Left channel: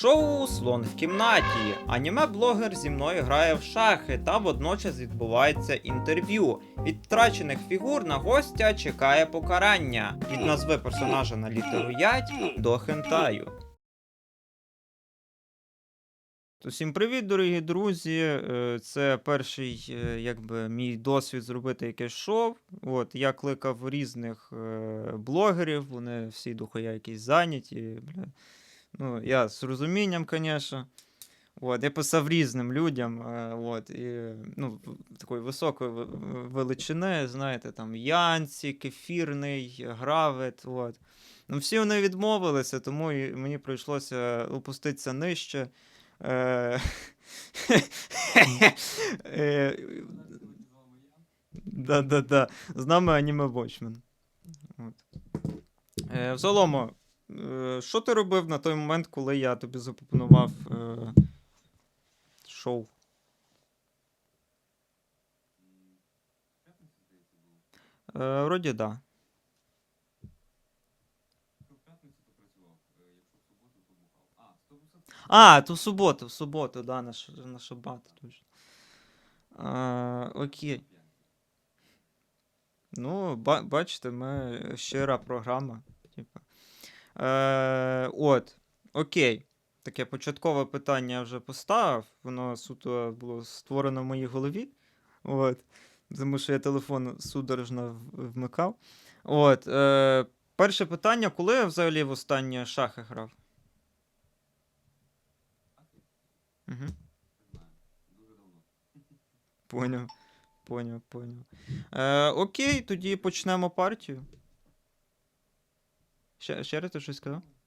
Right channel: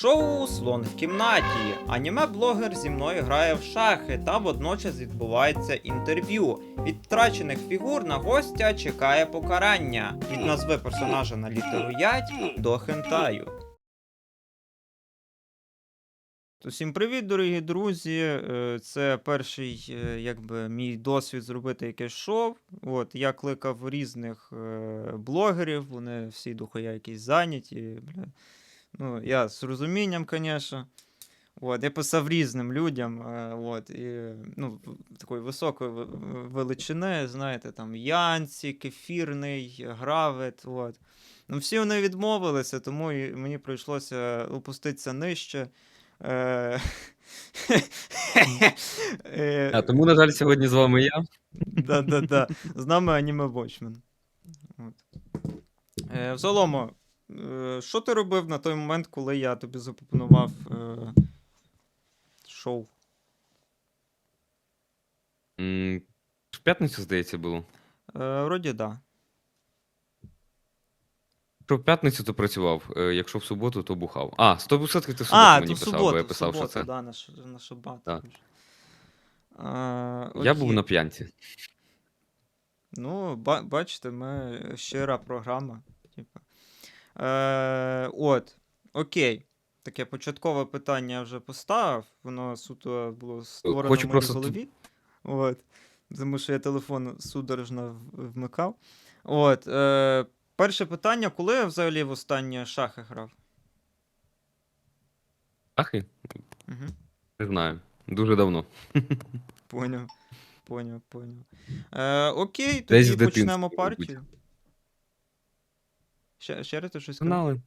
Шоу Слон в кімнаті. Аніме-блогер зі мною грає в шахи, та водночас відбувається інтерв'ю. Від втрачених фігур на гостя чекає покарання. Від назви персонажа на літеру ять до хентаю. Усім привіт, дорогі друзі. Е, Це перший е, якби, мій досвід зробити якесь шоу. От, я кликав різних е, блогерів, вони всі дохуя якісь зайняті. Бля. Ну, я з розумінням, звісно. От, я писав різним людям. е, От, і, ну, такої високої величини, знаєте, там Янці, Кефірний, Гравет. От. Ну, всі вони відмовилися, тому і мені прийшлося опуститися нижче. Е, е, А тому, на жаль, сьогодні з вами я. Да-да-да. З нами аніме Watchmen. От. Е, що ти робив на той момент, коли я тобі запропонував е, шоу? М, В п'ятницю, здається, було. Е, вроді да. Якщо в п'ятницю, то працював. е, Якщо в суботу, то бухав. А, 100% ти в суботу А, мені то в писав, бо суботу, я в писав, що суботу, це. да, на, ш- на шабат. Так. Я був окей. на п'янці. Ну, ба- бачите, ми щира програма. Типу. Е, от, окей. Таке початкове питання я вже поставив. Воно суто було створено Хочу в моїй просто голові. От. Тому що я телефон судорожно в- вмикав. От. Е, перше питання: коли я взагалі в останнє шахи грав? Ахи? Угу. Не знаю. Дуже давно. Поняв. Поняв, поняв. Е, окей, Десь тоді дитинстві, почнемо мабуть. партію. Ще, ще раз ти щось сказав? Знали.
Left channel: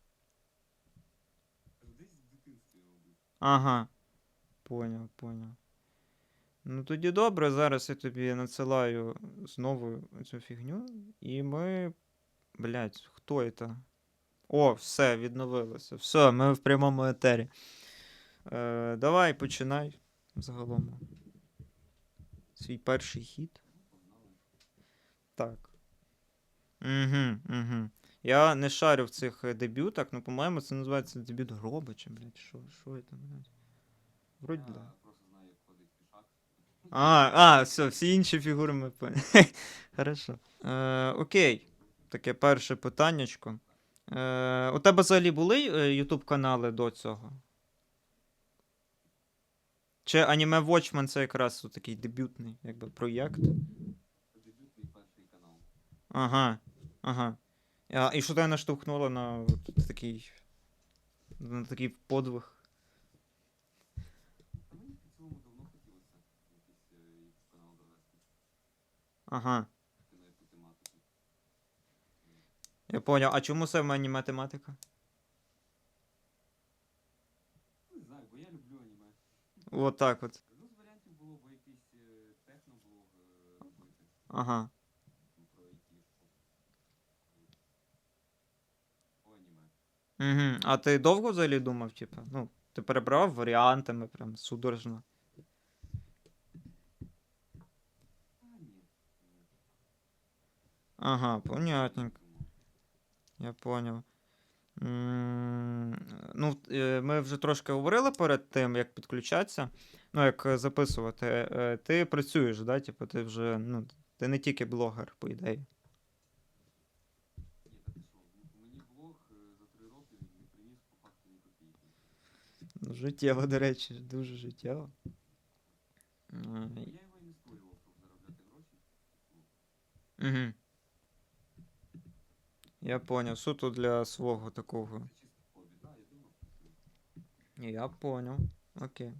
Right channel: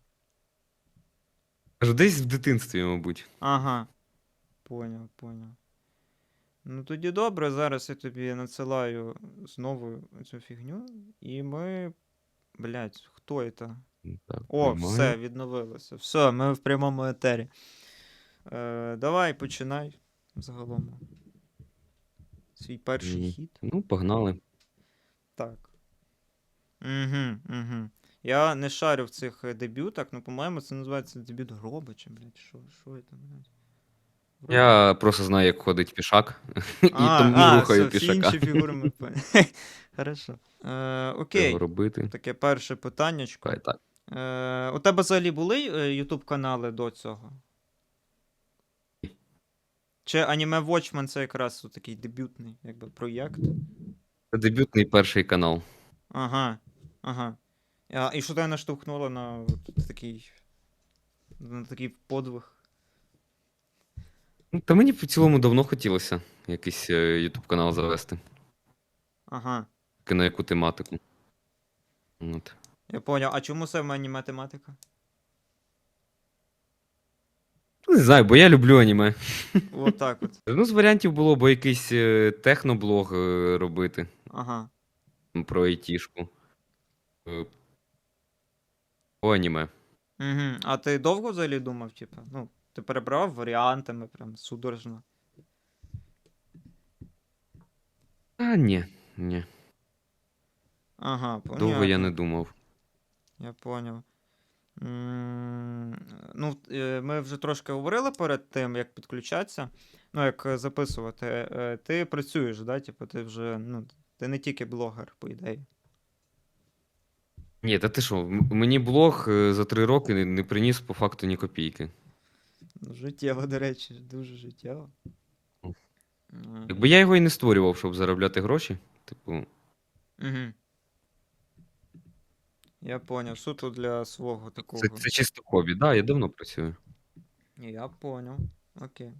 Кажу, десь в дитинстві, мабуть. Ага. Поняв, поняв. Ну тоді добре, зараз я тобі надсилаю знову цю фігню, і ми. Блять, хто це? Так, О, нормально. все, відновилося. Все, ми в прямому етері. Е, давай, починай загалом. Свій перший Мгм. хід. Ну, погнали. Так. Угу, угу. Я не шарю в цих е, дебютах, ну, по-моєму, це називається дебют гроба, чи, блядь, що, що це, блядь? Вроді- Я просто знаю, як ходить пішак. і А, тому а, все, всі пішака. інші фігури ми поняли. Хорошо. Е, окей, робити. таке перше питаннячко. Хай так. Е, у тебе взагалі були е, YouTube канали до цього? Чи Anime Watchmen це якраз такий дебютний якби, проєкт? Це дебютний перший канал. Ага. Ага. А, і що тебе наштовхнуло на от такий, на такий подвиг? Ну, Та мені в цілому давно хотілося якийсь е, YouTube канал завести. Ага. На яку тематику. От. Я поняв. А чому саме аніме тематика? Ну, Не знаю, бо я люблю аніме. От так от. Ну, з варіантів було б якийсь е, техноблог е, робити Ага. про айтішку. Аніме. Угу. А ти довго взагалі думав, типу? Ну, ти перебрав варіантами, прям судорожно. А, ні, ні. Ага, Довго я не думав. Я поняв. М, Ну, е, ми вже трошки говорили перед тим, як підключатися, ну, як е, записувати. Е, Ти працюєш, да? Типу, ти вже, ну, ти не тільки блогер, по ідеї. Ні, та ти що, м- мені блог е, за три роки не, не приніс по факту ні копійки. Ну, Життєво, до речі, дуже життєво. Е, Якби я його і не створював, щоб заробляти гроші. Типу, Угу. Я поняв. Суто для свого такого. це, це чисто хобі. Так, да, я давно працюю. Я понял. Окей.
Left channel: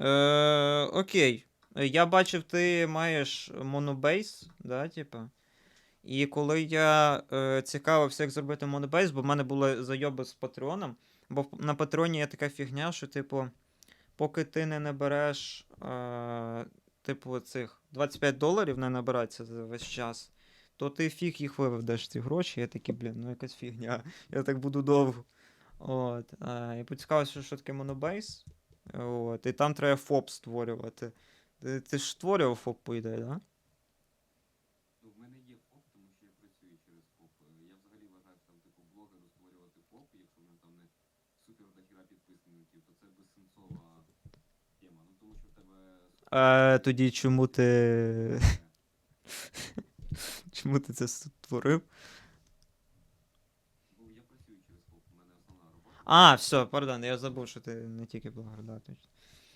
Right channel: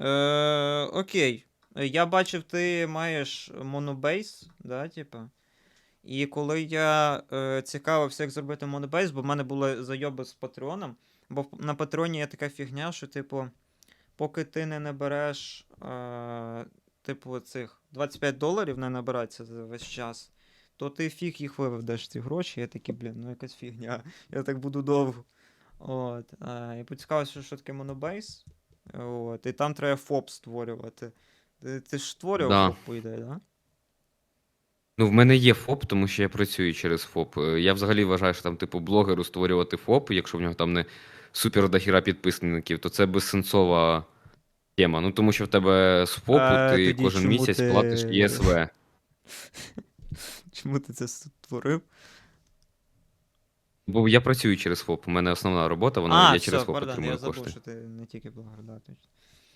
Е, окей. Е, Я бачив, ти маєш монобейс, да, типа. І коли я е, цікавився, як зробити монобейс, бо в мене були зайоби з Патреоном, бо на Патреоні є така фігня, що, типу, поки ти не набереш, е, типу, цих 25 доларів не набирається за весь час, то ти фіг їх виведеш ці гроші. Я такий, блін, ну якась фігня. Я так буду довго. От. А, і поцікавився, що таке монобейс. От. І там треба ФОП створювати. Ти, ти ж створював Да. ФОП, по ідеї, да? Ну, в мене є ФОП, тому що я працюю через ФОП. Е, Я взагалі вважаю, що там, типу, блогеру створювати ФОП, якщо в нього там не супер дохіра підписників, то це безсенсова тема. Ну, тому що в тебе з ФОПу А ти тоді кожен чому місяць ти- платиш ЄСВ. Чому ти це створив? Бо я працюю через ФОП. У мене основна робота, вона А, я через все, ФОП пардон, я отримую забув, кошти. що ти не тільки блогер, да, точно.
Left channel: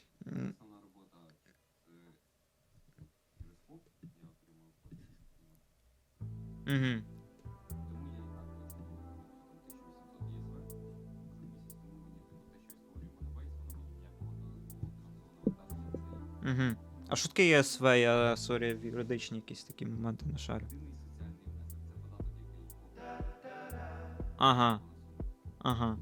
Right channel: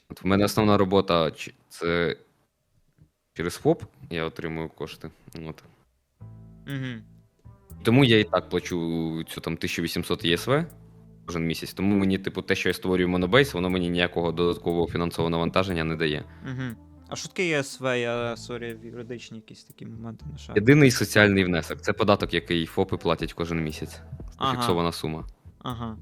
От в мене основна робота ч- це через ФОП я отримую кошти. От. Угу. Тому я і так плачу цю там 1800 ЄСВ кожен місяць. Тому мені, типу, те, що я створюю Monobase, воно мені ніякого додаткового фінансового навантаження не дає. Угу. А що таке ЄСВ? Я сорі, в юридичні якісь такі моменти на шаг. Єдиний соціальний внесок це податок, який ФОПи платять кожен місяць. Ага. Фіксована сума. Ага.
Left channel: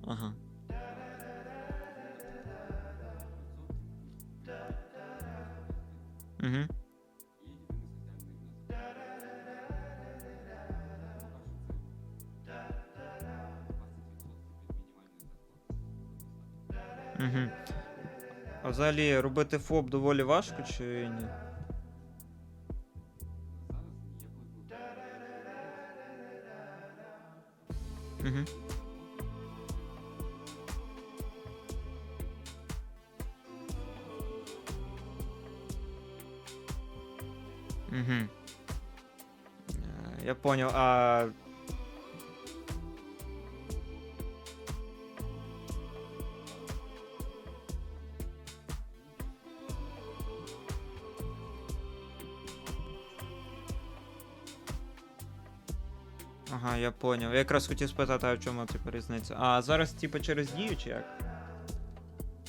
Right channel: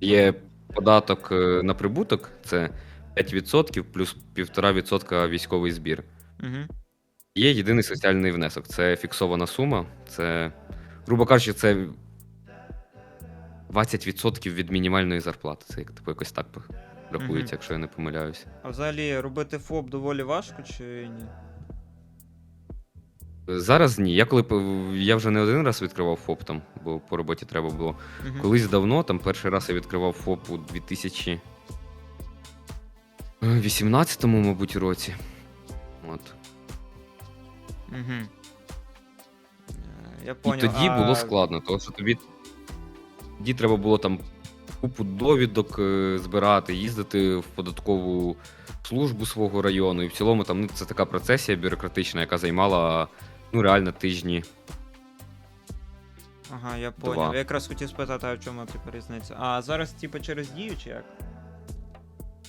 Є податок е, на прибуток, це 5% плюс 1,5% військовий збір. Угу. Є єдиний соціальний внесок. Це фіксована сума. Це, грубо кажучи, це 20% від мінімальної зарплати. Це як типу якось так рахується, Мгм. якщо я не помиляюся. А взагалі робити ФОП доволі важко чи ні? Зараз ні. Я коли я вже не один раз відкривав ФОП там, бо по роботі треба було. Угу. Колись давно, там перший раз я відкривав ФОП у 2018, мабуть, році. От. Угу. Я І поняв. тоді а... було складно, тому що тобі тоді треба було там купу довідок е, збирати, їздити в податкову службу свого району. І в цілому там ну, це така процесія бюрократична, яка займала ну, реально тижні. Ага, я поняв. Я якраз хотів спитати, а в чому типу різниця. А зараз, типу, через дію чи як?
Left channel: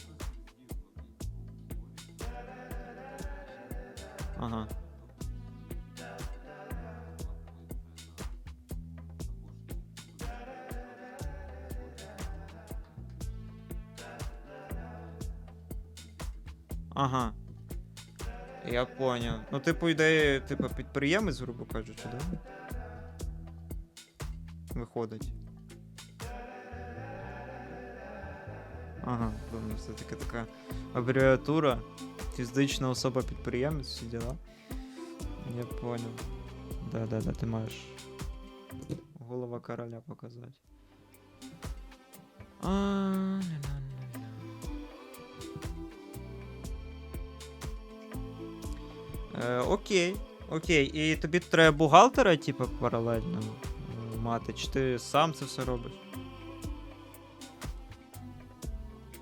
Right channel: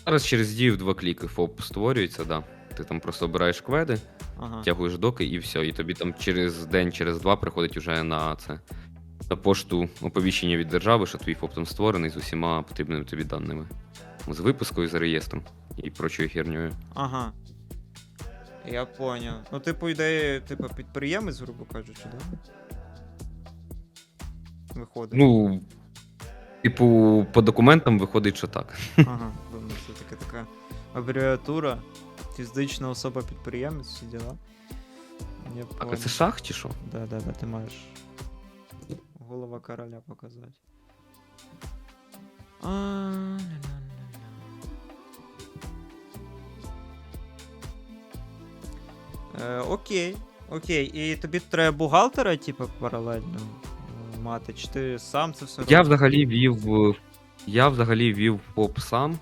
Зараз через дію в два кліки ФОП створюється, да. Ти там просто обираєш кведи, Ага. втягуєш доки і все. І тобі там через день, через два приходить уже на це. На пошту оповіщення від держави, що твій ФОП там створений з усіма потрібними тобі даними. З випискою, з реєстром і прочою хернею. Ага. Я поняв. Ну, типу, ідея, типу, підприємець, грубо кажучи, да? Виходить. Ну, типу, по документам виходить, що так. Ага, думаю, це така така абревіатура. Фізична особа підприємець, всі діла. Я А поняв. це шах чи що? Да, да, да, ти маєш голова короля показати. А, ля-ля-ля-ля. Е, окей, окей. І тобі треба бухгалтера, типу, паралельно мати, чи ти сам це все робиш? Я взагалі вів. Я взагалі вів ФОП сам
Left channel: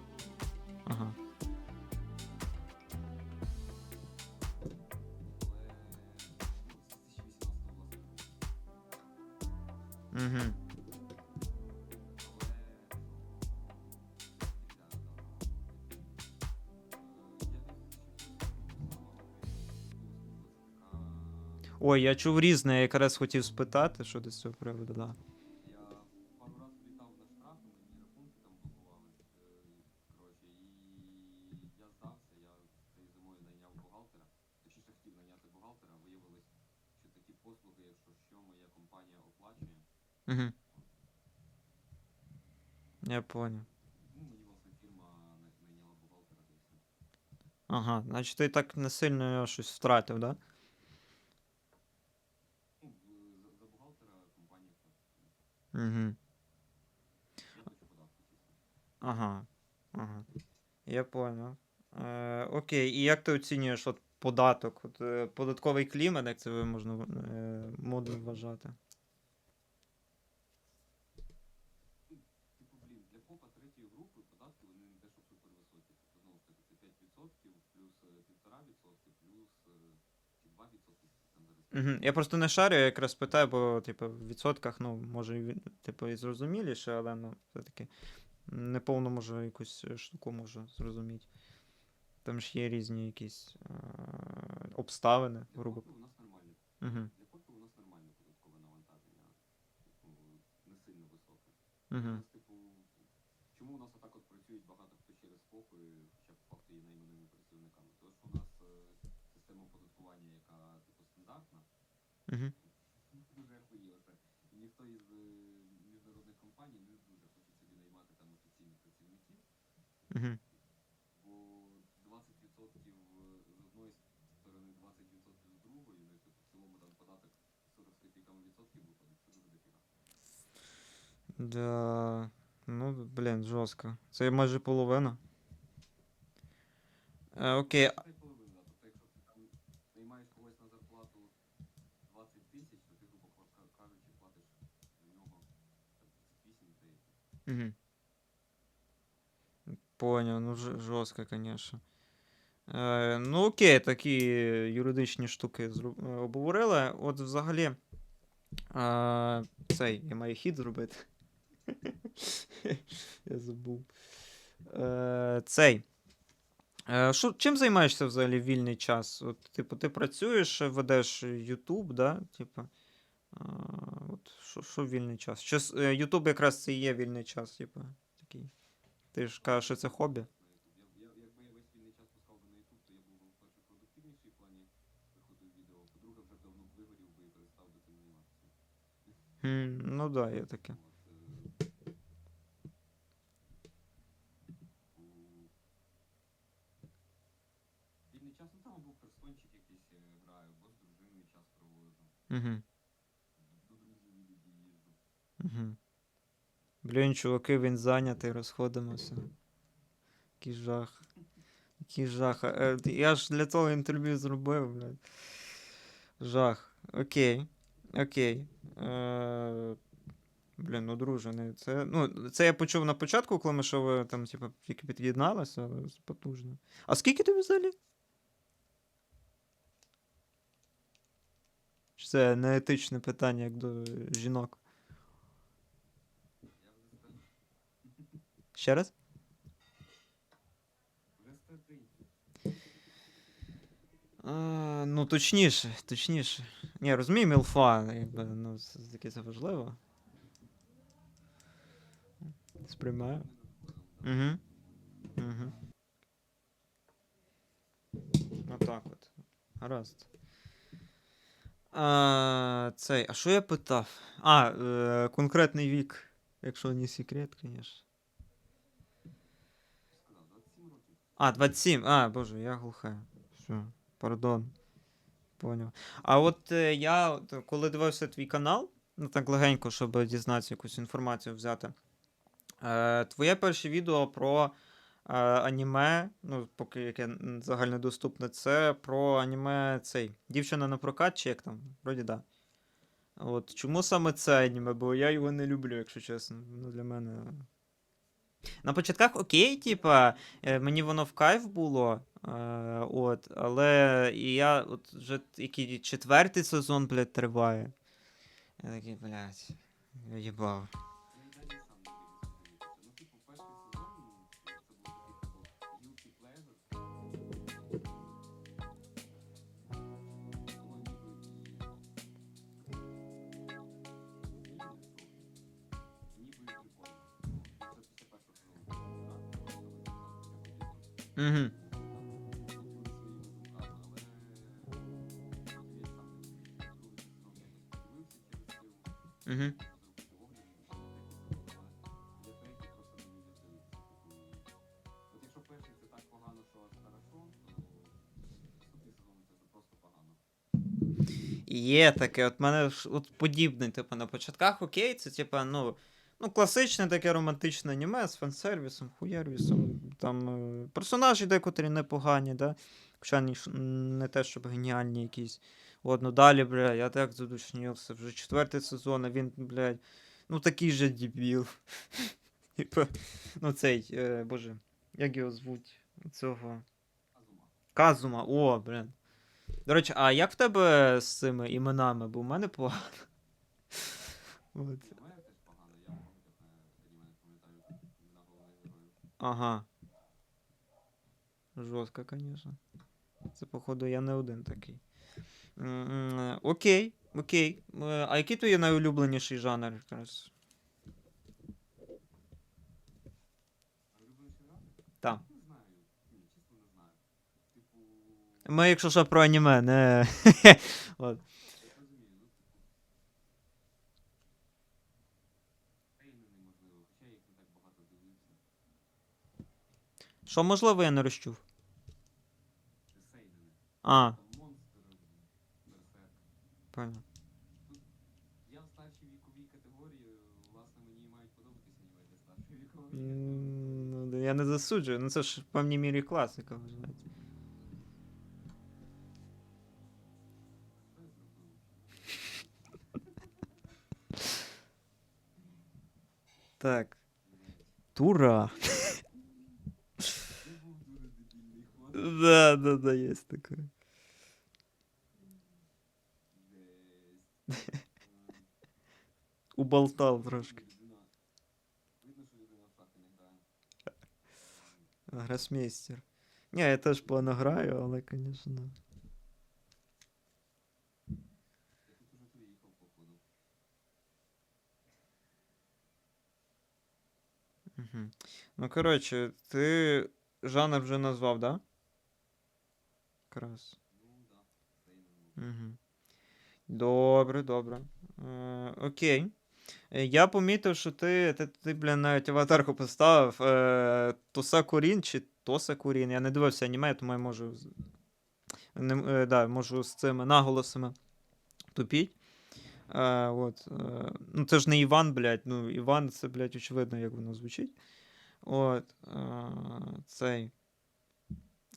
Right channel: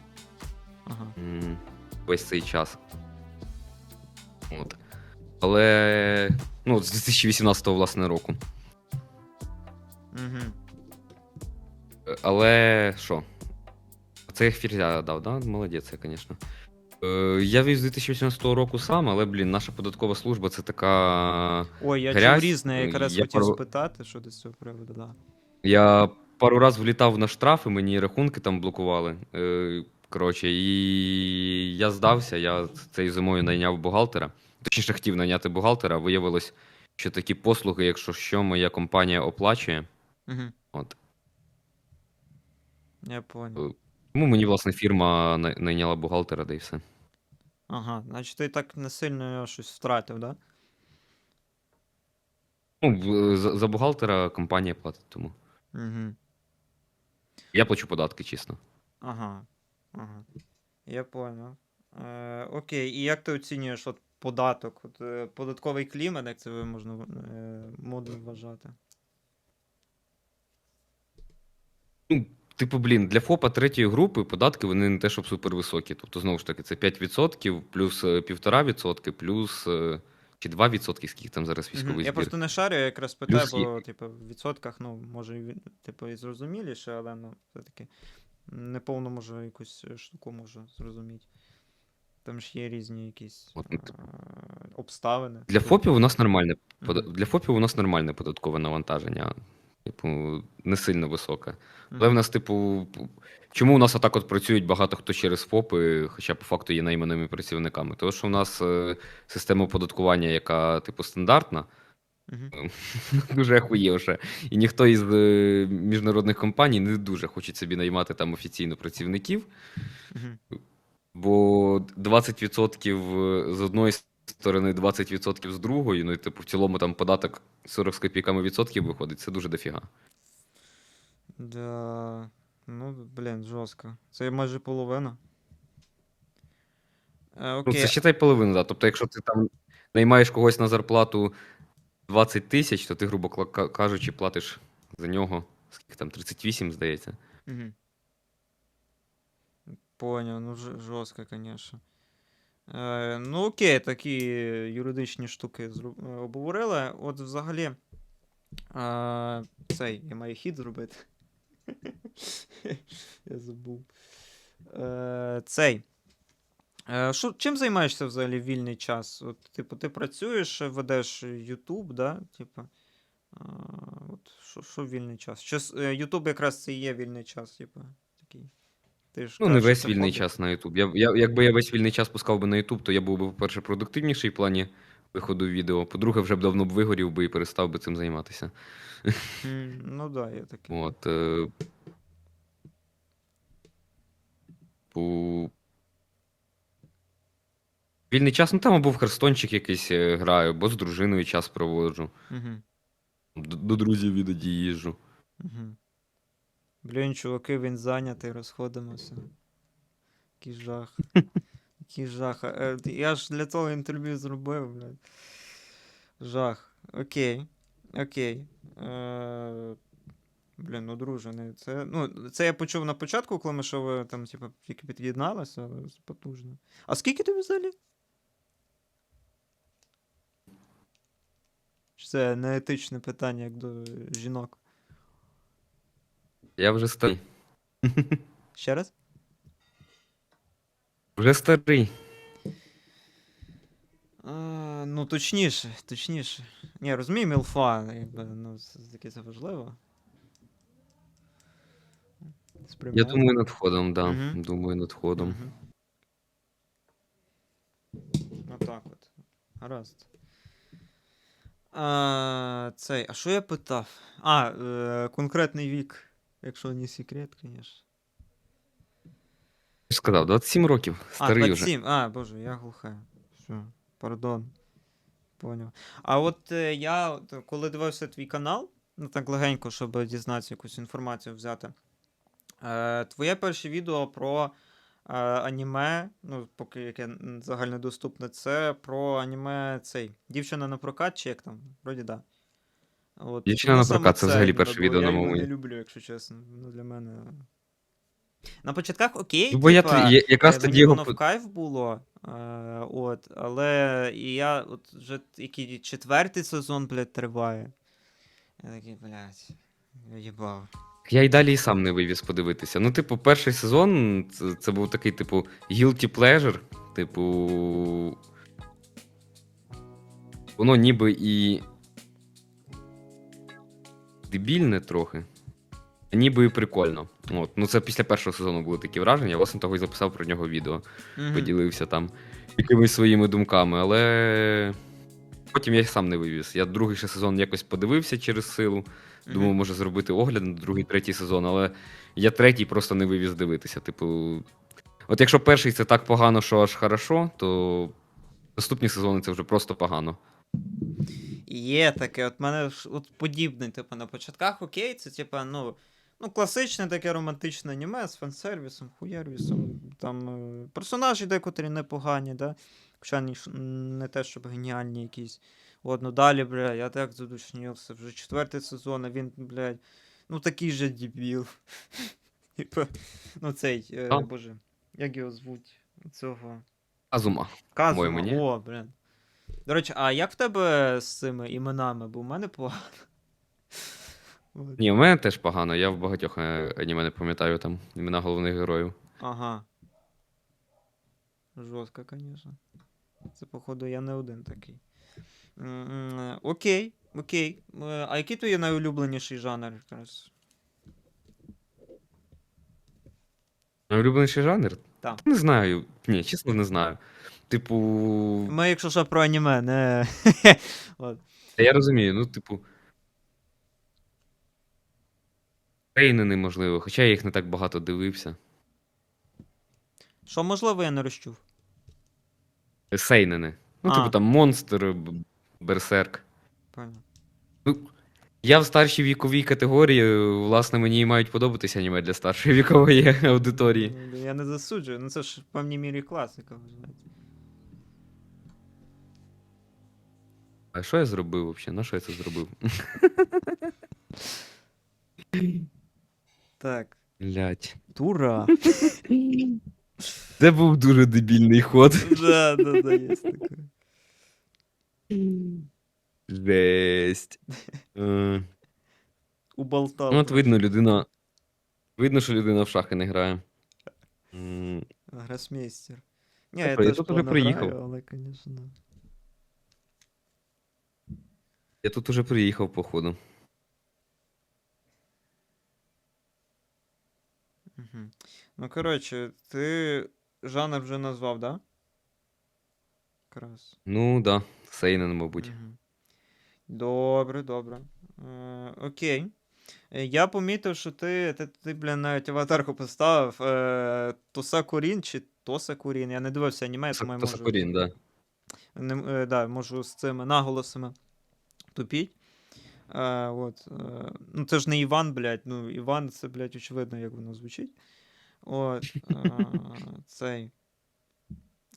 Ага. м, весь цей час. От. Але. Ну, з 2018 власне року. Угу. Але що? Це я фірзя дав, да? Молодець, я, звісно. Е, Я вів з 2018 року сам, але, блін, наша податкова служба це така. Ой, я чув Грязь, різне, я е, якраз я хотів пару- спитати, що до цього приводу, да. Я пару раз влітав на штрафи, мені рахунки там блокували. Е, Коротше, і я здався, я цією зимою найняв бухгалтера. Точніше, хотів найняти бухгалтера. Виявилось, що такі послуги, якщо що, моя компанія оплачує. Угу. От. Я понял. Тому мені, власне, фірма най- найняла бухгалтера, да і все. Ага, значить ти так не сильно щось втратив, да? Ну, в- за, за бухгалтера компанія платить тому. Угу. Я плачу податки, чесно. Ага. Ага. Я понял. Е, окей, і як ти оцінюєш от податок? От, е, податковий клімат, як це ви можна е, модно вважати? Ну, типу, блін, для ФОПа третьої групи податки вони не те, щоб супервисокі. Тобто, знову ж таки, це 5% плюс е, 1,5%, плюс е, чи 2%, скільки там зараз Мгм. військовий Я просто не шарю, я якраз питаю, Плюс бо, типу, в відсотках, ну, може, типу, і зрозуміліше, але ну, все-таки неповно може якусь е, штуку можу зрозуміти. Там ж є різні якісь От, ну, е, обставини. Для ФОПів у нас нормальне пода- Мгм. для ФОПів у нас нормальне податкове навантаження. Типу, не сильно високе. Але в нас, типу, чому у нас отак от працюють багато хто через ФОПи, хоча по факту є найманими працівниками? Тому що у нас е, система оподаткування, яка, типу, стандартна, дуже ахуєвше. І ніхто із е, міжнародних компаній не дуже хоче собі наймати там офіційно працівників, бо 20% з одної сторони 20% з другої, ну і типу в цілому там податок 40 з копійками відсотків виходить, це дуже дофіга. Да. Ну, блін, жорстко. Це майже половина. Е, Ну, окей. це считай половину, да. Тобто, якщо ти там наймаєш когось на зарплату 20 тисяч, то ти, грубо кла- ка- кажучи, платиш за нього скільки там 38, здається. Угу. Поняв, ну ж- жорстко, звісно. Е, ну, окей, такі юридичні штуки зру- е, обговорили. От взагалі. Е, цей, я маю хід зробити. я забув. Е, цей. Е, Шо, чим займаєшся взагалі в вільний час? От, типу, ти працюєш, ведеш YouTube, да? Типу, а, от, що, що вільний час? Е, YouTube якраз це і є вільний час, типу, такий. Ти ж Ну, кажеш, що весь вільний хобі. час на YouTube. Я, я, якби я весь вільний час пускав би на YouTube, то я був би, по-перше, продуктивніший в плані виходу відео. По-друге, вже б давно б вигорів би і перестав би цим займатися. Ну да, є таке. От. Е... У... Вільний час, ну там або в Херстончик якийсь е, граю, або з дружиною час проводжу. Угу, До, до друзів іноді їжджу. угу. Блін, чуваки, він зайнятий, розходимося. Який жах. Який жах. Е, Я ж для того інтерв'ю зробив, блядь. Жах. Окей. Окей. Е, Блін, ну друже, це. Ну, це я почув на початку, коли ми що ви там, типу, тільки під'єдналися, але це потужно. А скільки тобі взагалі? Чи це неетичне питання, як до жінок? Я вже старий. Ще раз? Вже старий. А, ну, точніше, точніше. Ні, розумію, мілфа, якби, ну, таке це важливо. Я думаю над входом, да. Мгм. Думаю над входом. Мгм. Отак от. Гаразд. А, цей, а що я питав? А, е, конкретний вік, якщо не секрет, звісно. Ж сказав, 27 років. А, Старий вже. 27. А, боже, я глуха. Все, пардон. Поняв. А от е, я, коли дивився твій канал, ну так легенько, щоб дізнатися якусь інформацію взяти. Е, твоє перше відео про е, аніме, ну, поки яке загальнодоступне, це про аніме цей. Дівчина на прокат, чи як там? Вроді да. От, «Дівчина на прокат» це взагалі перше відео Я на його моєму. не люблю, якщо чесно. Ну, для мене. На початках окей, Ну, бо я типа, тоді- я- якраз Е, тоді Мені його воно по- в кайф було. Е, от, але і я от вже який четвертий сезон, блядь, триває. Я такий, блядь, їбав. Я й далі і сам не вивіз подивитися. Ну, типу, перший сезон це, це був такий, типу, guilty pleasure. Типу. Воно ніби і. Дебільне трохи. Ніби і прикольно. От. Ну, це після першого сезону були такі враження. Я власне того і записав про нього відео. Мгм. Поділився там якимись своїми думками, але. Потім я сам не вивіз. Я другий ще сезон якось подивився через силу. Думав, може зробити огляд на другий, третій сезон, але я третій просто не вивіз дивитися. Типу, от якщо перший це так погано, що аж хорошо, то наступні сезони це вже просто погано. Є таке, от мене от подібне, типу, на початках окей, це типу, ну, ну, класичне таке романтичне аніме з фан-сервісом, хуєрвісом. Там е, персонажі декотрі непогані, да? Хоча ні не те, щоб геніальні якісь. От, ну далі, бля, я так задушнівся. Вже четвертий сезон, а він, блядь, ну такий же дебіл. Типа, ну цей, е, боже, як його звуть? Цього. Азума. Казума, По-моєму, о, блін. До речі, а як в тебе з цими іменами? Бо в мене погано. Ні, у мене теж погано. Я в багатьох е, аніме не пам'ятаю там імена головних героїв. Ага. Жорстко, звісно. Це, походу, я не один такий. М, Окей, окей. Е, А який твій найулюбленіший жанр якраз? Улюбленіший жанр? Так. Не знаю. Ні, чесно, не знаю. Типу. Ми, якщо що, про аніме, не. От. Та я розумію, ну, типу. Рейнени, можливо, хоча я їх не так багато дивився. Що можливо, я не розчув. Сейнени. Ну, А. типу там монстр, б- берсерк. Понял. Ну, я в старшій віковій категорії, власне, мені і мають подобатися аніме для старшої вікової аудиторії. Ну, Я не засуджую, ну це ж в певній мірі класика. А що я зробив взагалі? На що я це зробив? Так. Блять. Тура. Це був дуже дебільний ход. Да, да, да, є таке. Жесть. Е, Уболтав. Ну, от видно, людина. Видно, що людина в шахи не грає. М, Гросмейстер. Ні, я теж тут уже плавно приїхав. але, звісно. Я тут уже приїхав, походу. Ну, коротше, ти жанр вже назвав, да? Якраз. Ну, да, Сейнен, мабуть. Мгм. Добре, добре. Е, окей. Е, Я помітив, що ти, ти, ти бля, навіть аватарку поставив е, Тоса Курін чи Тоса Курін. Я не дивився аніме, тому я можу, Сакурін, да. не, е, да, можу з цими наголосами тупіть. Е, от, е, ну, це ж не Іван, блядь. Ну, Іван, це, блядь, очевидно, як воно звучить. От, е, цей.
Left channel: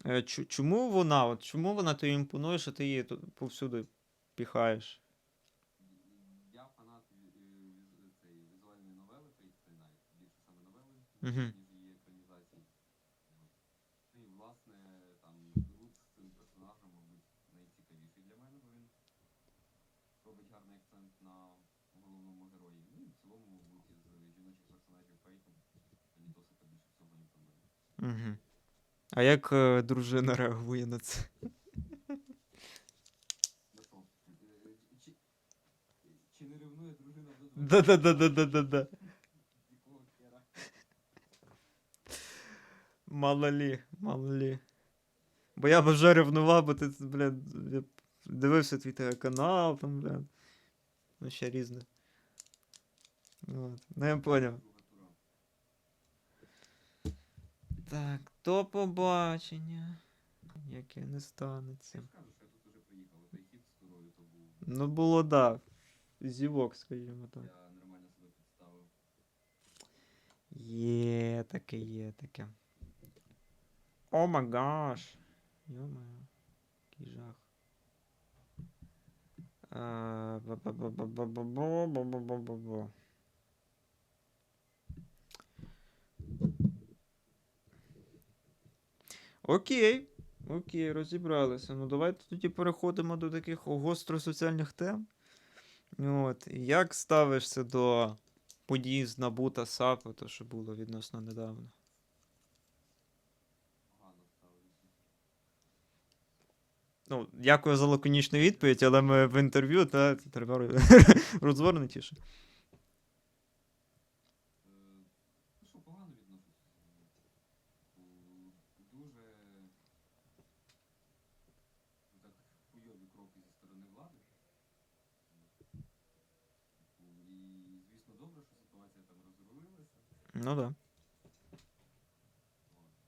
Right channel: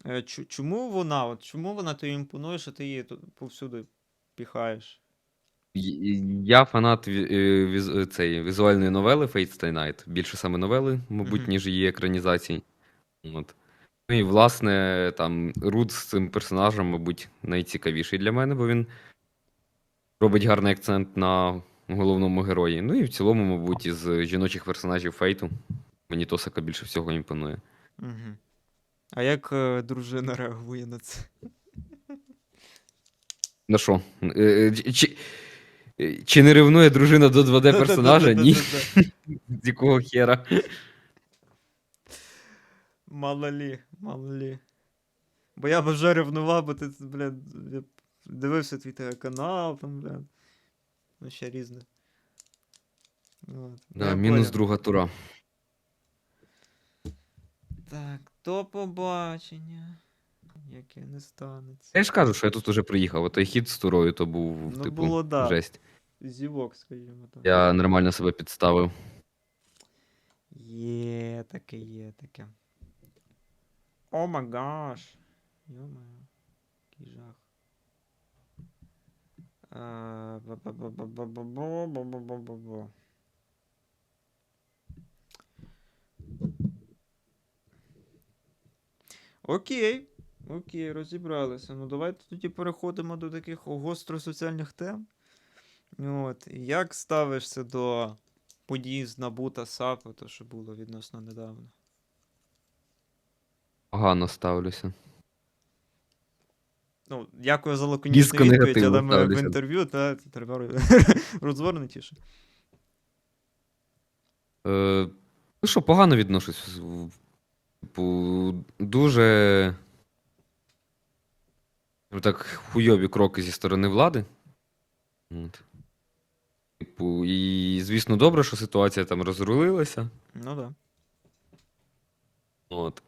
Е, чому вона? От, чому вона тобі імпонує, що ти її тут повсюди піхаєш? Я фанат е, віз- цієї візуальної новели Fate Stay Night. Більше саме новели, мабуть, Мгм. ніж її екранізацій. От. Ну і власне, там Руд з цим персонажем, мабуть, найцікавіший для мене, бо він робить гарний акцент на головному герої. Ну і в цілому, мабуть, із жіночих персонажів Фейту мені Тосака більше всього імпонує. Угу. А як е, дружина реагує на це? Ну що? е, е, Чи, е, чи не ревнує дружина до 2D персонажа? Ні. Да-да-да-да-да-да. З якого хера? Мало лі, мало лі. Бо я б вже ревнував, бо ти, блядь, я б дивився твій канал, там, блядь. Ну, ще різне. От. Ну, Да, я мінус поняв. друга тура. Так, до побачення. Яке не станеться. Я ж кажу, що я тут уже приїхав. Отой хід з турою то був Ну, типу, було, да. жесть. Зівок, скажімо так. Я нормально себе підставив. Є таке, є таке. О май гаш. Йо-моє. Який жах. А, ба-ба-ба-ба-ба-ба-ба-ба-ба-ба. Окей. Окей, розібралися. Ну давайте тоді переходимо до таких гостросоціальних тем. От. Як ставишся до подій з Набу та САПу, то що було відносно недавно? Погано ставлюся. Ну, дякую за лаконічну відповідь, але ми в ставлюся. інтерв'ю, та треба розгорнутіше. Е, ну що, погано відношусь. в- Типу, дуже. ну, Так, хуйові кроки зі сторони влади. От. Типу, і, звісно, добре, що ситуація там розрулилася. Ну так. Да. От.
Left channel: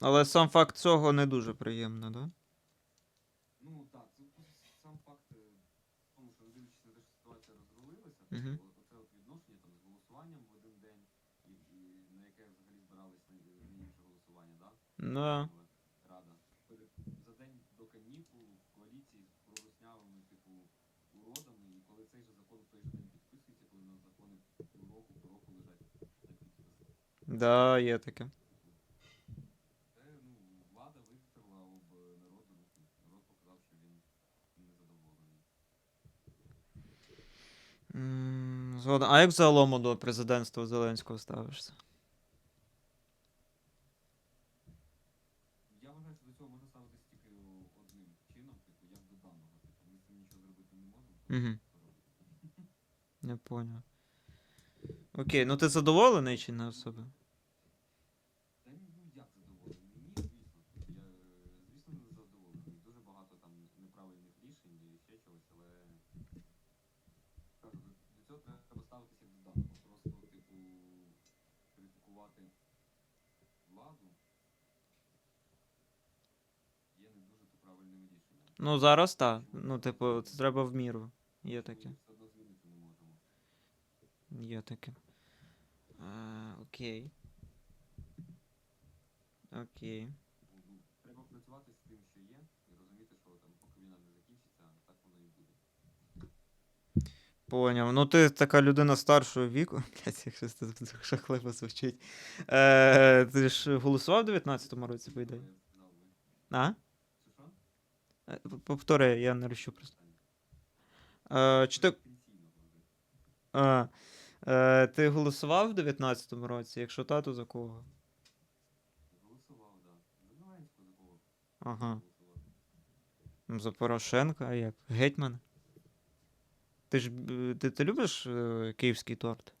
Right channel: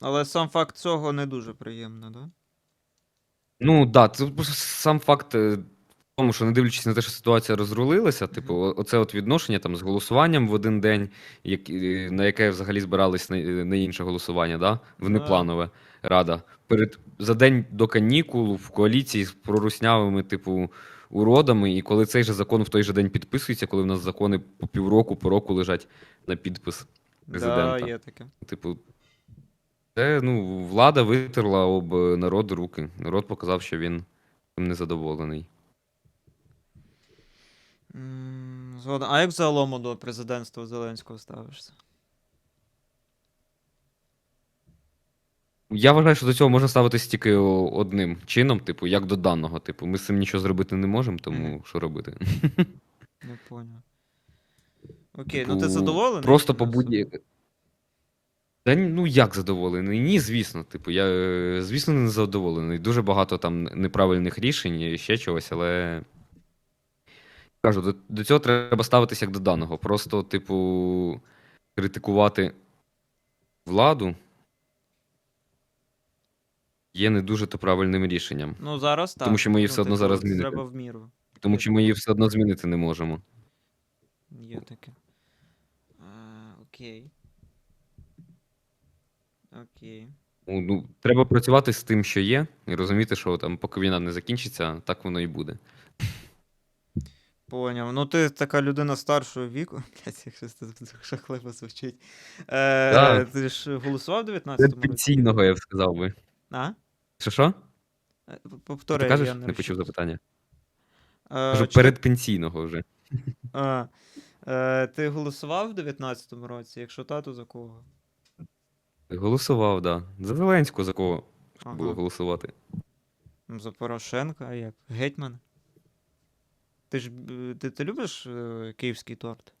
Але сам факт цього не дуже приємно, да? Ну, так, да, це просто сам факт е, тому, що не дивлячись на те, що ситуація розрулилася, типу, оце от відношення там з голосуванням в один день, як, на яке взагалі збирались на, на інше голосування, да? внепланове рада. Перед, за день до канікул в коаліції з проруснявими, типу, уродами, і коли цей же закон в той же день підписується, коли в нас закони по півроку, по року лежать на підпис. Да, Президента. є таке. Типу, це ну, влада витерла об е, народ руки. Народ показав, що він цим незадоволений. М, Згоден. А як загалом до президентства Зеленського ставишся? Я вважаю, що до цього можна ставитись тільки одним чином, типу, як до даного. Типу, ми з цим нічого зробити не можемо, тому Мгм. що робити? Не поняв. Окей, ну ти Типу, задоволений? Просто чи по будь? Та ні, ну як задоволений? Ні, звісно. Типу, я е, звісно не задоволений. Дуже багато там неправильних рішень і ще чогось, але кажу, до, до цього треба ставитися як до даного. Просто, типу, критикувати владу. є не дуже то правильним рішенням. Ну, зараз так. Тому що ми її ну, все одно типу, зараз змінити. Треба в міру. Тому Є що ми її все одно змінити не можемо. Є таке. А, окей. Окей. Ну, ну, треба працювати з тим, що є, і розуміти, що там, поки війна не закінчиться, так воно і буде. Поняв. Ну, ти така людина старшого віку. Блять, якщо це жахливо звучить. Е, Так. Ти ж голосував в 19-му році? Пенсійного, я б сказав би. А? Що що? Е, п- Ти Повтори, кажеш? я Не не почув розчув. запитання. Е, чи ти- передпенсійного вже. А, е, ти голосував в 19-му році? Якщо та, то за кого? Голосував, так. Да. За Зеленського за кого було Ага. голосувати. Ну, За Порошенка, а як? Гетьман? Ти ж ти, ти любиш е, київський торт?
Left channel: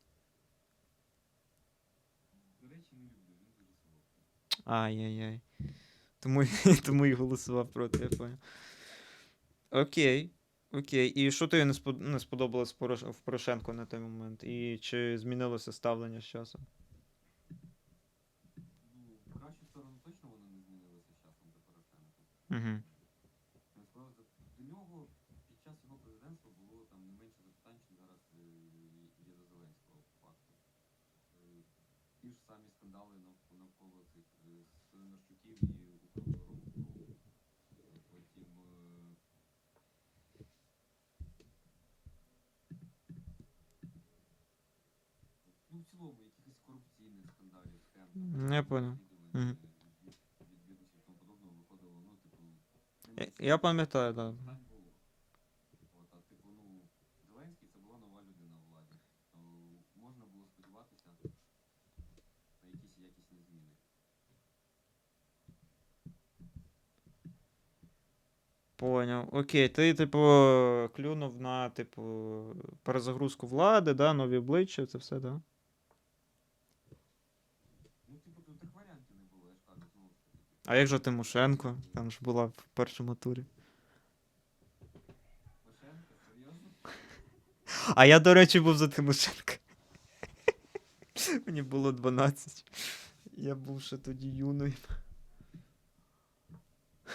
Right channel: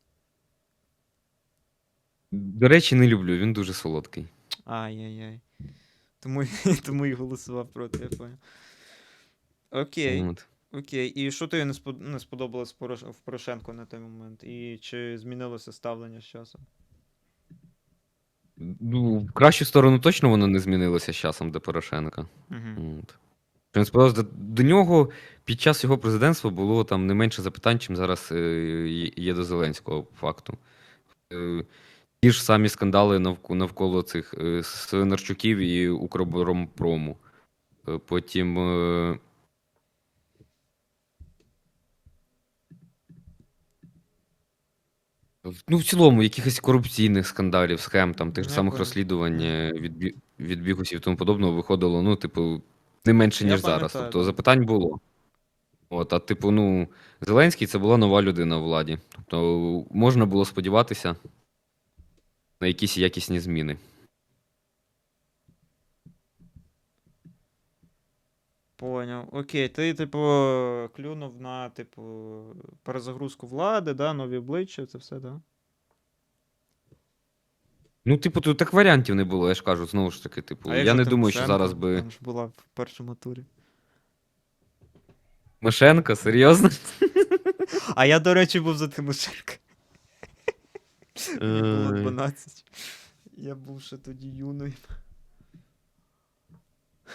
До речі, не люблю, він дуже солодкий. Ай-яй-яй. Тому, тому і голосував проти, я понял. Окей, От. окей. І що тобі не, спод... не сподобалось в Порош- в Порошенко на той момент? І чи змінилося ставлення з часом? Ну, в кращу сторону точно воно не змінилося з часом до Порошенка. Угу. От. Сподобався, до, до нього під час його президентства було там не менше запитань, чим зараз е, є- до Зеленського по факту. Е, ті ж самі скандали навк- навколо цих е, Свинарчуків і Укроборонпрому. Е, потім. Ну, в цілому, якихось корупційних скандалів, схем, там, тих Я самих розслідувань від, від бігусів і тому подобного виходило, ну, типу, не менше, Я ніж зараз. пам'ятаю, Тобто да. запитань було. От, а типу, ну, Зеленський це була нова людина в владі. Тобто можна було сподіватися на якісь якісні зміни. Поняв. Окей, ти, типу, клюнув на, типу, перезагрузку влади, да, нові обличчя, це все, да? Ну, типу, тут так варіантів не було, я ж кажу, знову ж таки, типу, я не думаю, що зараз би. Там ж була в першому турі. Мишенко, серйозно? А я, до речі, був за Тимошенка. Мені було 12. Я був ще тоді юною.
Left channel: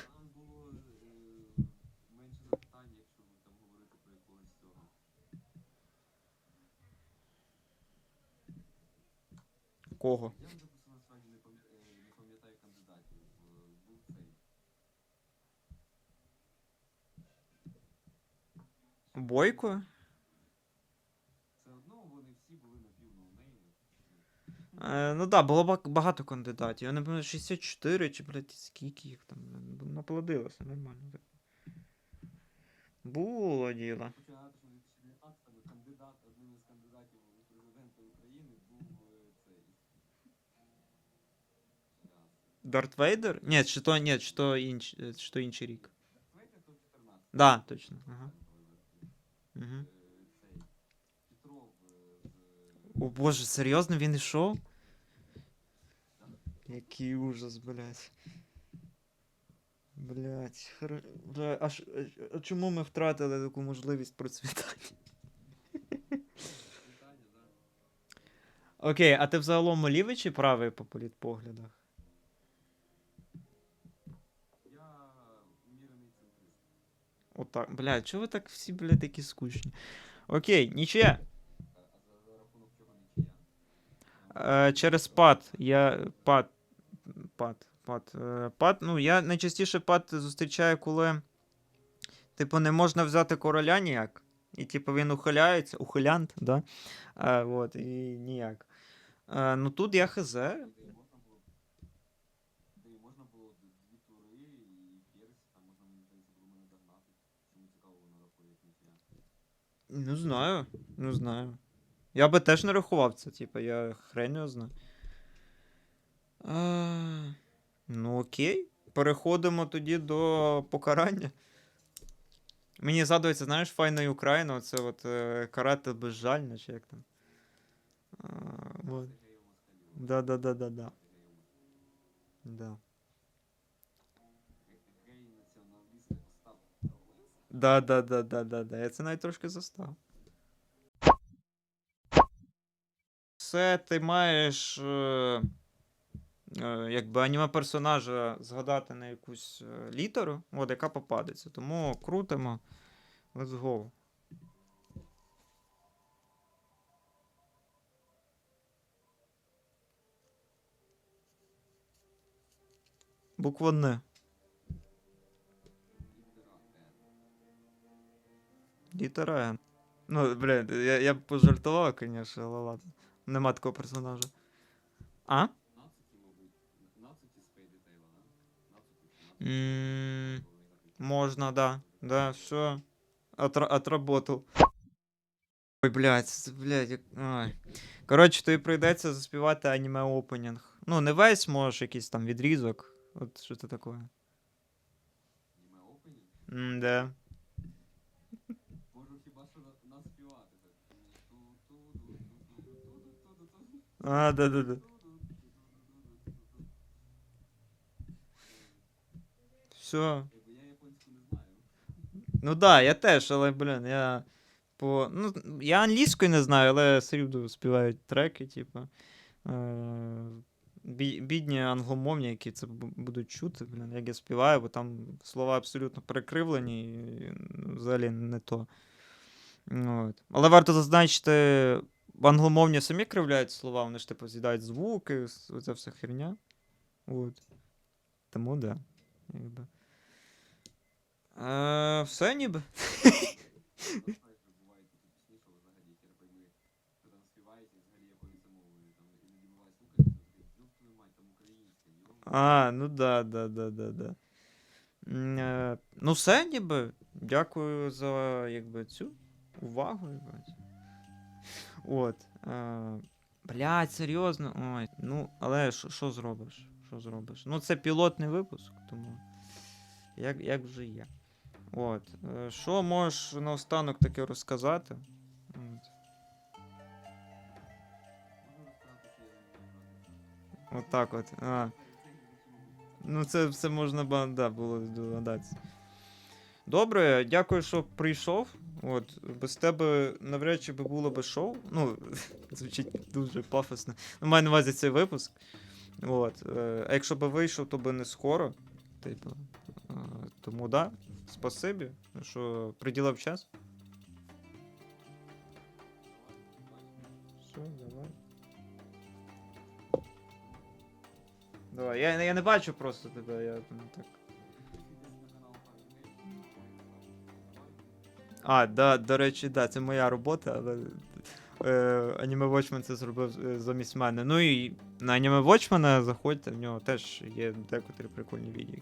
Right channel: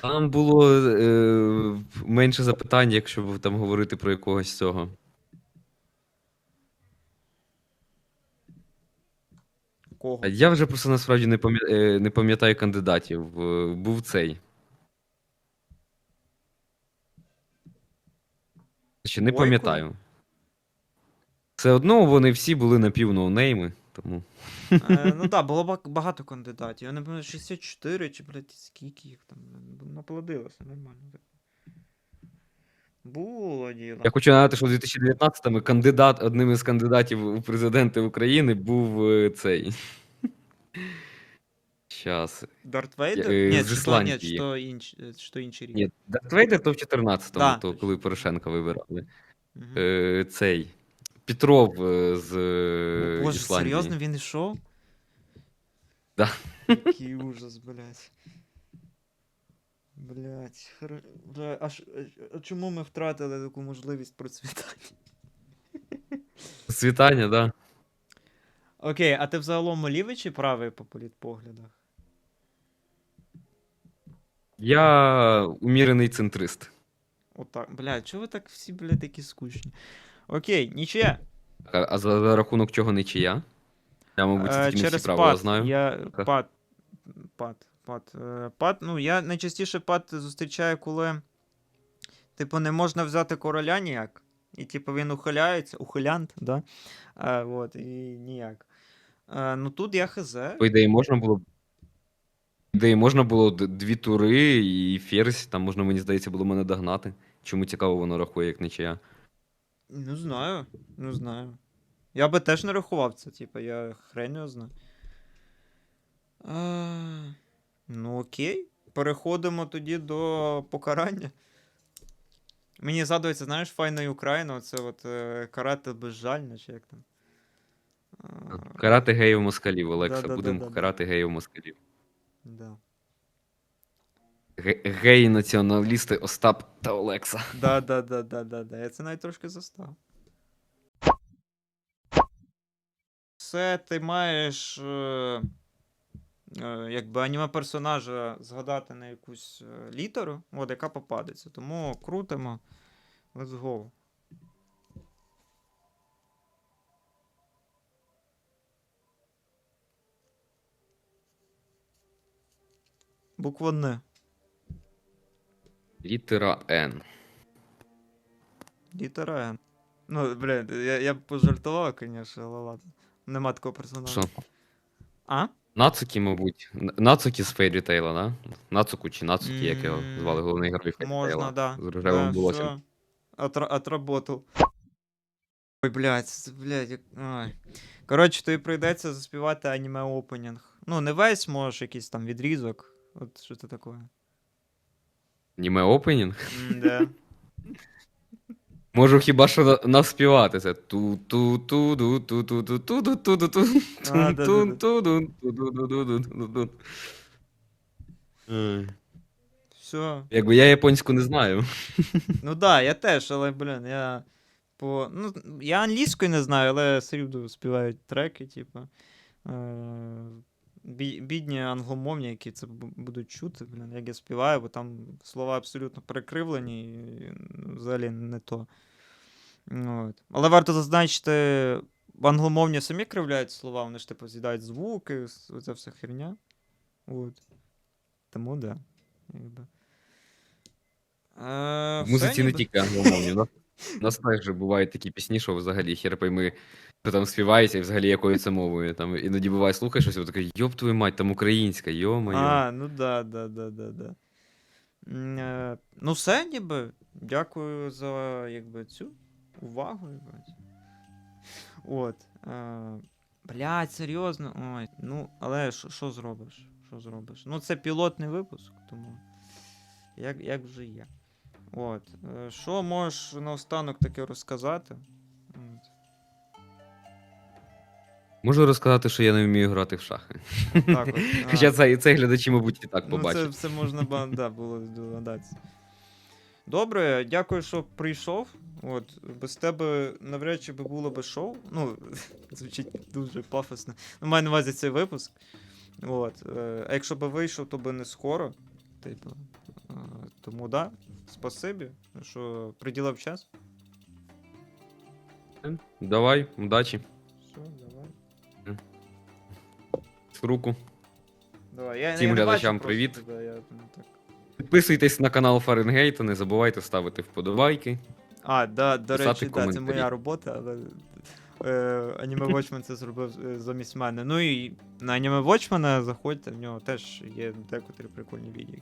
Там було е, менше запитань, якщо там говорити про якогось цього. Кого? Я вже просто насправді не пам'я- е, не пам'ятаю кандидатів. Е, Був цей. Ще не Бойко? пам'ятаю. Все одно вони всі були напівноунейми, тому. Е, ну так, було багато кандидатів. Я не пам'ятаю, 64 чи, блядь, скільки їх там. Наплодилося нормально. Було діло. Я хочу нагадати, що в 2019-му кандидат, одним із кандидатів у президенти України був е, цей. Щас. Дарт Вейдер? Е, Ні, з то, ні, Ісландії. то, інч, е, то інший рік. Ні, Дарт Вейдер то в 14-му, Да, то, точно. коли Порошенка вибирали. Мгм. Е, цей. Петров е, з. е, О, Боже, Ісландії. серйозно він ішов? Да. Який ужас, блядь. Блядь, хр... Бля, а, ш... а чому ми втратили таку можливість процвітання? Світання, да. Окей, а ти взагалом лівий чи правий по політпоглядах? Я умірений центрист. Отак. Блядь, чого ви так всі, блядь, такі скучні? Окей, нічия. А, а за, за рахунок чого не чия? Я, мабуть, Е, тільки не через правила пад. знаю. Я Так. пад. Пад. Пад. Е, пад. Ну, я найчастіше пад зустрічаю, коли. Типу, не можна взяти короля ніяк. І, типу, він ухиляється, ухилянт, да? А, от, і ніяк. Е, ну тут я хз. По ідеї можна було. б- По можна було дві тури і ферзь, там можна, мені здається, було мене догнати. Чому цікаво воно рахує, як нічия. Не знаю, не знаю. Я би теж не рахував це, типу, я хрень його знаю. А, ну окей. Переходимо тоді до покарання. Мені згадується, знаєш, файна Україна, це от е, карати безжально, чи як там. А, Карати геїв москалів, Олекса. Да-да-да-да-да. Будемо карати геїв москалів. Да. Ге- Геї націоналісти Остап та Олекса. Да, да, да, да, да, да. Я це навіть трошки застав. Все ти маєш. Е... е, якби аніме персонажа згадати на якусь е, літеру, от, яка попадеться. Тому крутимо. Let's go. Буква Н. Літера Н. Літера Н. Ну, блін, я, я б пожартував, звісно, але ладно. Нема такого персонажа. Що? А? Нацукі, мабуть. Н- Нацукі з Fairy Tail, да? Нацуку чи Нацукі, як його М, звали головний герой Fairy Можна, Tail, да. З да рожевим волоссям. все. Отра- отработал. Ой, блядь, це, блядь, як... Ой. Коротше, тобі прийдеться заспівати аніме опенінг. Ну, не весь, можеш якийсь там відрізок. От що це таке. Аніме опенінг. М-да. Можу хіба що на- навспівати це. ту ту ту ду ту ту ту ту ду ту ду ту А, да-да-да. ту ду ту ду ду ду ду ду ду. Все. Якби я японську не знаю. Ну да, я теж, але, блін, я по. Ну, я англійською не знаю, але все співають треки, типу. Е... бі- Бідні англомовні, які це будуть чути, блін, як я співаю, бо там слова абсолютно перекривлені, і ну, взагалі не то. От. Але варто зазначити, англомовні самі кривляють слова, вони ж типу з'їдають звуки, оця вся херня. От. Тому да. Якби. Е, В музиці не ніби. тільки англомовні, да? У нас же бувають такі пісні, що взагалі хер пойми, що там співається і взагалі якою це мовою. Там іноді буває, слухаєш щось, і такий, йоп твою мать, там українська, йо-моє. А, ну да, да, да, да, да. Е, Ну, все, ніби. Дякую за якби, цю увагу. Єбать. От. Е, блядь, серйозно. Ой, ну, але що- що зробиш? Що зробиш? Ну, це пілотний випуск, тому. Як, як вже є. От. Е, Що можеш наостанок таке розказати? От. Можу розказати, що я не вмію грати в шахи. Отак от. А. Хоча це, це глядачі, мабуть, і так Ну, це побачать. все можна ба- да, було здогадатися. Добре, дякую, що прийшов. От, без тебе навряд чи би було би шоу. Ну, звучить дуже пафосно. Ну, маю на увазі цей випуск. От. е, А якщо би вийшов, то би не скоро. Типу. е, Тому да, спасибі, що приділив час. Давай, удачі. Все, давай. Руку. Давай. Я, Всім я не бачу глядачам просто привіт. тебе, я, ну, так. Підписуйтесь на канал Фаренгейта, не забувайте ставити вподобайки. А, да, до Писати речі, да, це коментарі. моя робота, але е, Anime Watchman це зробив е, замість мене. Ну і на Anime Watchman заходьте, в нього теж є декотрі прикольні відео.